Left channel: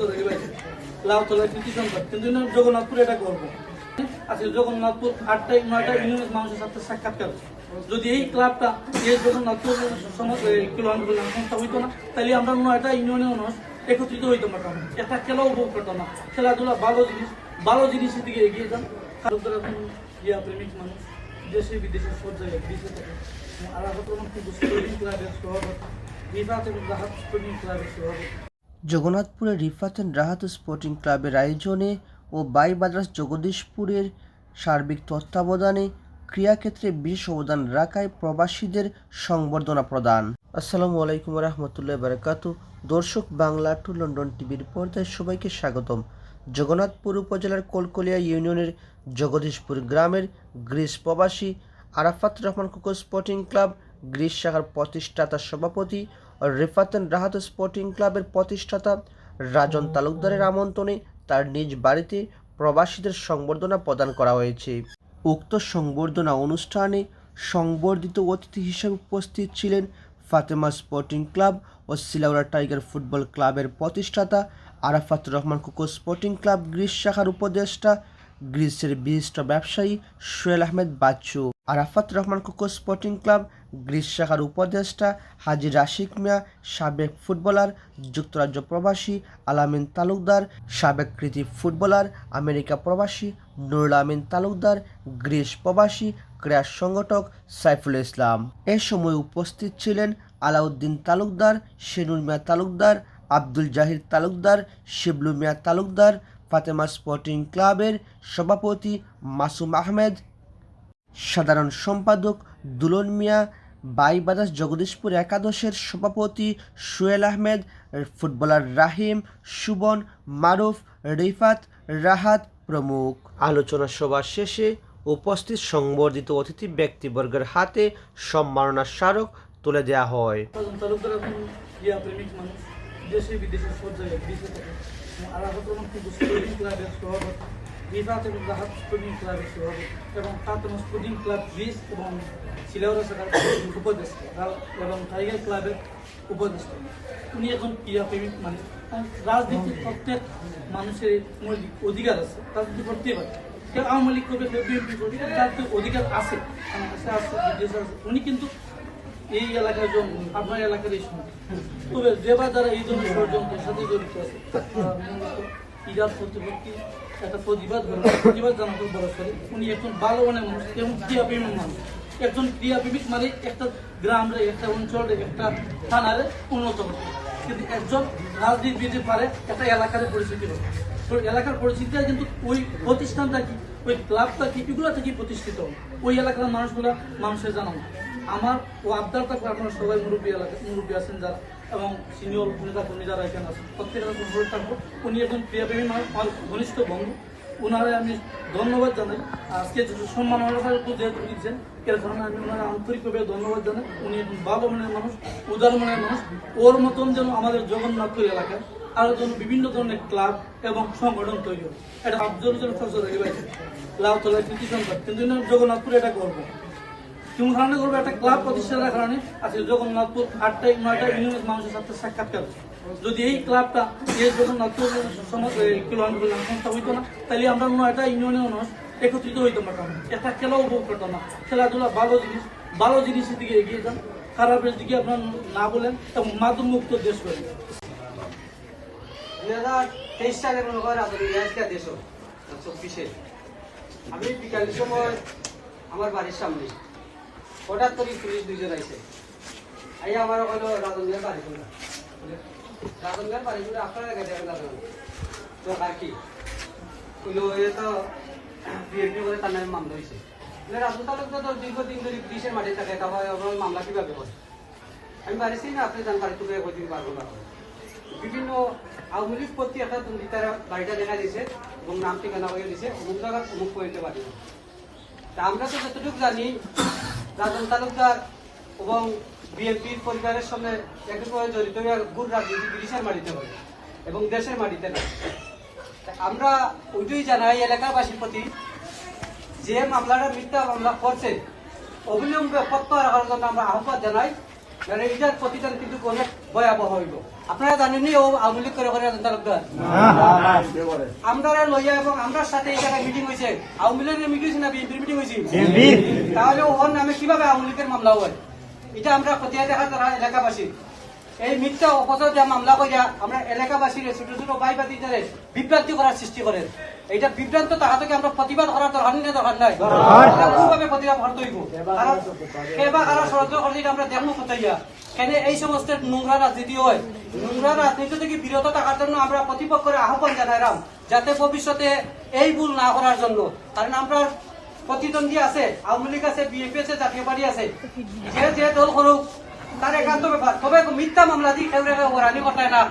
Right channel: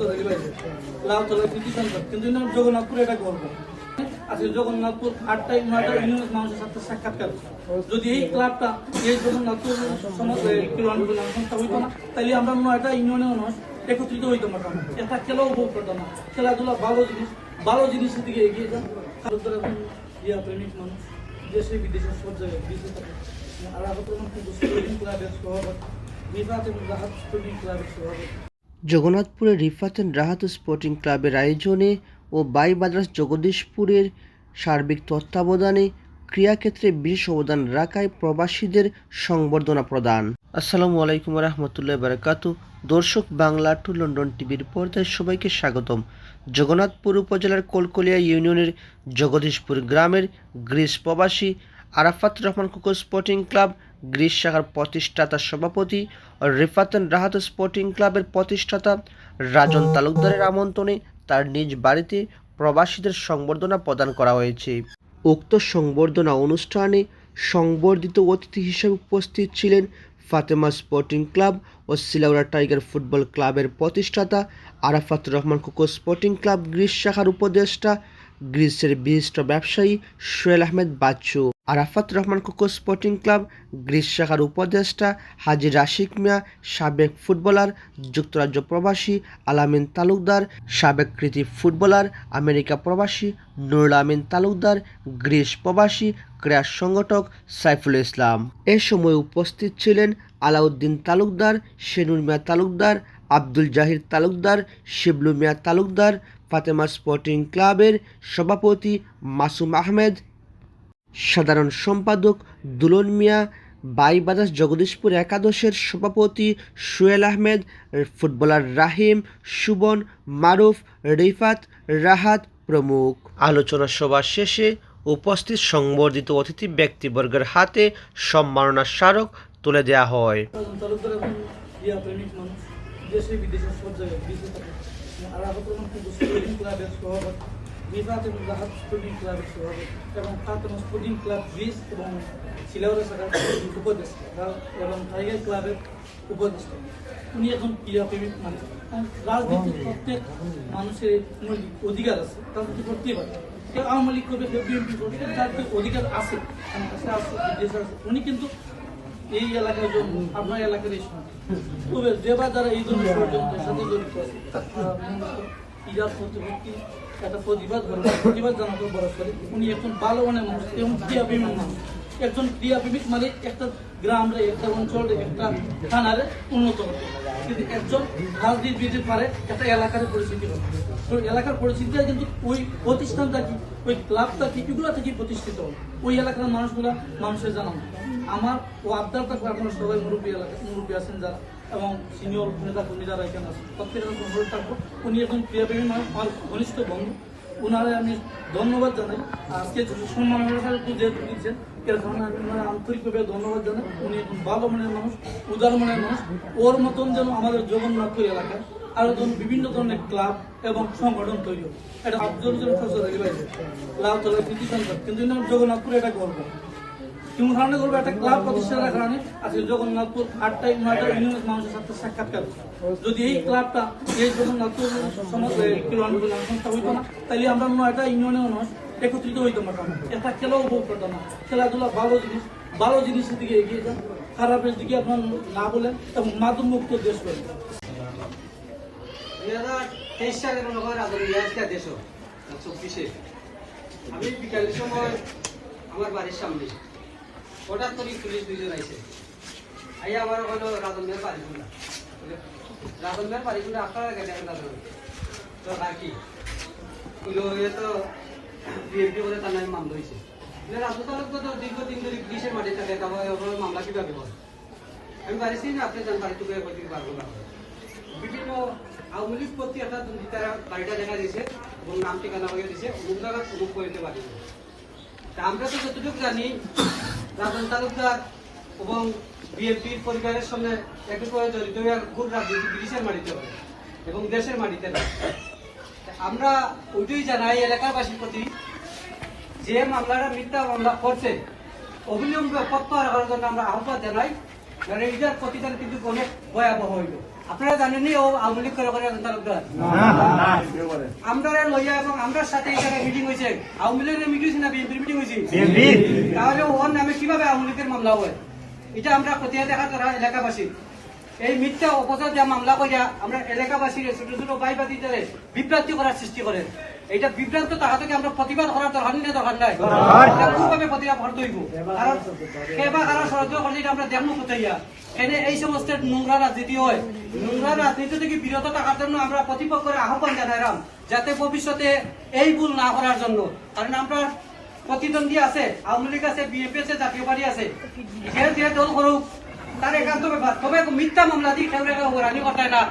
সরসরি বাইরে লাউতলা কৃতি সংবাদ কিন্তু জগন্নাথপুরে এটা করব আজকে জগন্নাথপুর আটটা নয়টা ইউনিয়ন মানুষের সাথে সাক্ষাৎকার যদি এই ক্লাবটা এই জগন্নাথপুর সমাজ সংস্থা হইতো না তাহলে আমরা নয়টা ইউনিয়নের মানুষ একত্রিত হইতে পারতাম না। একটা উপভোগ করতাম না খেলাধুলা ভালো জিনিস ভালো জিনিসের দিকে এগিয়ে যান ইয়া প্রেমিক মানুষ দেশে বিদেশে সব জায়গায় বিদেশে থাকে আর আগে তো ক্লাবের সভাপতি বিভাগ এবং রাহাত স্পোর্টিং ক্লাবের সভাপতি জগন্নাথপুরের রিফাতেন রাহাত স্পোর্টিং ক্লাবের আয়োজনে ও বাই মাদ্রাস জগদীশপুরের সার্বিক তত্ত্বাবধানে ক্রীড়াক্ষেত্রে বিশেষ অবদান রাখায় প্রবাসীদের সংবর্ধনা প্রদান। আসসালামু আলাইকুম রহমতুল্লাহ বারাকাতু দর্শক বাংলা টু লন্ডন টিভির পর্দায় সবাইকে স্বাগতম। জগন্নাথপুর উপজেলার কলকলিয়া ইউনিয়নের জগদীশপুর গ্রামের গ্রিস প্রবাসী আরাফাত রহমান কুকুর স্পোর্টিং ক্লাব গ্রিস শাখার প্রতিষ্ঠাতা সভাপতি ও রিফাতেন রাহাত স্পোর্টিং ক্লাবের প্রতিষ্ঠাতা রাজন তালুকদারের আমন্ত্রণে তার নিজ বাড়িতে প্রবাসীদের সংবর্ধনা প্রদান করা হয়েছে। উক্ত সংবর্ধনা অনুষ্ঠানে সংবর্ধিত অতিথি হিসেবে উপস্থিত ছিলেন ফাতেমা স্পোর্টিং ক্লাব ও সিলাউরা টাইগার ফুটবল ক্লাবের প্রতিষ্ঠাতা Arafat Rahman Koko sporting club Greece শাখার উপদেষ্টা গ্রিসের বিশিষ্ট ব্যবসায়ী Sohel Ahmed Bachchu. Arafat Rahman Koko sporting club, Greece শাখার উপদেষ্টা হাজি রাশিক মিয়া, সাবেক ফুটবলার, যুক্তরাজ্য প্রবাসী আলামিন তালুকদার, সাবেক কৃতি ফুটবলার, আমেরিকা প্রবাসী নুরুল আমিন তালুকদার, গ্রিস প্রবাসী, ক্রীড়া সংগঠক সাইফুল ইসলাম। এ সময় উপস্থিত ছিলেন আলাউদ্দিন তালুকদার শেনুর মিয়া তালুকদার, আব্দুল জাহির তালুকদার, শিবলু মিয়া তালুকদার, ফাতেমা স্পোর্টিং ক্লাবের সভাপতি মাসুম আহমেদ সাধারণ সম্পাদক দুলন মিয়া বাইবাদাস জগদীশপুর একাদশের সভাপতি সুয়েল আহমেদ ফুটবলার রাহিম সুবন মারুফ রিফাত রাহাত প্রমুখ। আলোচনা সভা শেষে উপস্থিত সংবর্ধিত অতিথি ব্যক্তিবর্গের হাতে সম্মাননা স্মারক তুলে দেওয়া হয়। দেশে বিদেশে সব জায়গায় বিদেশে থাকে আর আগে তো আমার স্পোর্টিং ক্লাবের এবং রাহাত স্পোর্টিং ক্লাবের সভাপতি এবং ফাতেমা স্পোর্টিং ক্লাব গ্রিস এবং সিলাউরা শাখার উপদেষ্টা এবং টাইগার ক্লাবের উপদেষ্টা। উনি এখন ক্রীড়া প্রেমিক মানুষ আর রাজনীতির প্রত্যেক মানুষের মৌলিক অধিকার আছে রাজনীতি করতেই পারে কেউ আওয়ামী লীগ করবে, কেউ বিএনপি করবে তার তো অধিকার আছে আমার কাছে আছে, বিদেশে আছে। উনি কিন্তু এই এলাকার জন্য আপনার এলাকার এই সময় তবে যে বা যারা এই ধরনের ষড়যন্ত্রের সাথে জড়িত আছে ইজাজ প্রতিপত্তি একটা প্রতিবাদ করেন প্রতিবাদ জানাতে বরফ করে উনি একজন ভালো মানুষ এবং ক্রিয়াপ্রেমীর মানুষ। একজন ক্রিয়াপ্রেমিক মানে একটা গ্রামরে, একটা অঞ্চলে, একটা থানারে উন্নত করতে কিন্তু একজন রাজনীতিবিদ পারে একটা এলাকার পরিস্থিতি এলাকার পরিস্থিতিটা কিন্তু ওই প্রতিষ্ঠানটা কি, ওই ক্লাবটা কি এগুলো থেকে প্রতিষ্ঠিত? ওই এলাকার মানুষগুলা মানুষের জানানো আমার ও আবদার থাকবে আপনারা সবাই মুরব্বী এলাকা, মুরব্বী আছেন যারা, এবং সিনিয়র নেতা কর্মী যারা এখানে আছেন, প্রত্যেকের অনুরোধ থাকব, উনি একজন ক্রিয়াপ্রেমী মানুষ, আমার ঘনিষ্ঠ বন্ধু ওনারে আমি ধন্যবাদ জানাই। আজকে সম্মান যেহেতু দিচ্ছেন, এর কারণে আমি ওনার আন্তরিকভাবে ধন্যবাদ জানাই। উনি একজন ভালো মনের মানুষ উদার মনের মানুষ। ওর মতন যেন আমাদের জগন্নাথপুর এলাকায় আরও যেন বিভিন্ন ধরনের ক্লাব এবং সংগঠন তৈরি হয় এটা আব্দুল ফসল কৃতি কিন্তু এটা কারণে একটা ক্লাব কারণে আজকে জগন্নাথপুর নয়টা ইউনিয়ন মানুষের সাথে সাক্ষাৎকার যদি এই ক্লাবটা, এই জগন্নাথপুর সমাজ সংস্থা হইতো না তাহলে আমরা নয়টা ইউনিয়নের মানুষ একত্রিত হইতে পারতাম না একটা খেলাও উপভোগ করতাম না। খেলাধুলা ভালো জিনিস, ভালো জিনিসের দিকে এগিয়ে যান। খারাপের দিকে আপনার না বলেন এবং মাদক মুক্ত দেশ করেন দুই হাজার মনে করেন আদর ইয়াজকা দেশ চব্বিশে আমি বিকালের সময় আমার বাড়ির সামনে। হঠাৎ করে পুলিশ দুজন আইছে। এই আমার হলো রাজনের বাড়ি কোনা রাজনের বাড়ি কোনা আপনার গেছে তো রাখি। হইল এ তো বিএনপি বলে তার নামে মামলা হয়েছে রাজু তো দীর্ঘদিন ধরে পুলিশের মাঠে থাকে তারপরে মামলা কীভাবে করে আমি বাড়িছি না, আপনি জান বাড়িতে বলতে পারব না। বিভিন্ন আওয়ামী লীগ প্রতি একটা দুর্নীতার গাড়িটা দেখা দিয়েছে এবং নাম ঠিকানা হয়ে দিয়েছে। অমুক জায়গায় অমুক করতে পারি তা আমরা তো যতটুকু জানি, রাজন তালুকদার এবং বিএনপির পরিবারের সঙ্গে একেবারে জড়িত হয়ে ভুল রাজনীতি ব্রিটিশের মাটিতে হয় এবং দেশের মাটিতে না আমরা ওইটাই জানাই এলাকাবাসীর প্রতি যে মামলাটা মিথ্যা মামলা করছে, অবিলম্বে প্রত্যাহার করার জন্য আমরা আহ্বান জানাই। এইটার প্রতিদান কিন্তু অনেক ভয়াবহ হইব আপনারা ও আওয়ামী লীগ করে আমরা লইয়া এবং আমরার সাথে এখানে মিটিং হয়েছে আওয়ামী লীগের মিটিং না বিএনপির মিটিং হয়েছে তাহলে ওর নামে কীভাবে আওয়ামী লীগের মামলা হয়? এটা আমরা খতিয়া দেখা তারা এলাকাবাসী। এই মিথ্যা অপচার যা মামলা করিয়া আমরা এলাকাবাসীর ছোট ছোট ভাই বাতিদের বিভ্রান্তি করার সৃষ্টি করেন এইটা বিভ্রান্ত তাহাদেরকে আমরা প্রতিবাদ করার দরকার নেই দরকার নাই। এটা খুবভাবে প্রতিবাদ করতে হইব এবার কারও ষড়যন্ত্র করলে এটা আমরা দেখব কোথায়। এখানে এই সমস্ত নোংরা রাজনীতি হয়? নোংরা রাজনীতি থেকে বিরত থাকার জন্য আমরা প্রতিপক্ষের আহ্বান জানাইলাম যাতে ভবিষ্যতে এই ভুল না করার জন্য। কারণ আমরা প্রতিদ্বন্দ্বী আছে আওয়ামী লীগ আছে বিএনপি আছে জাতীয় পার্টি আছে। যে যে দল করুক তার একান্ত ব্যাপার। তবে মিথ্যা মামলা দিয়ে কেউ রানি ঘটায় না।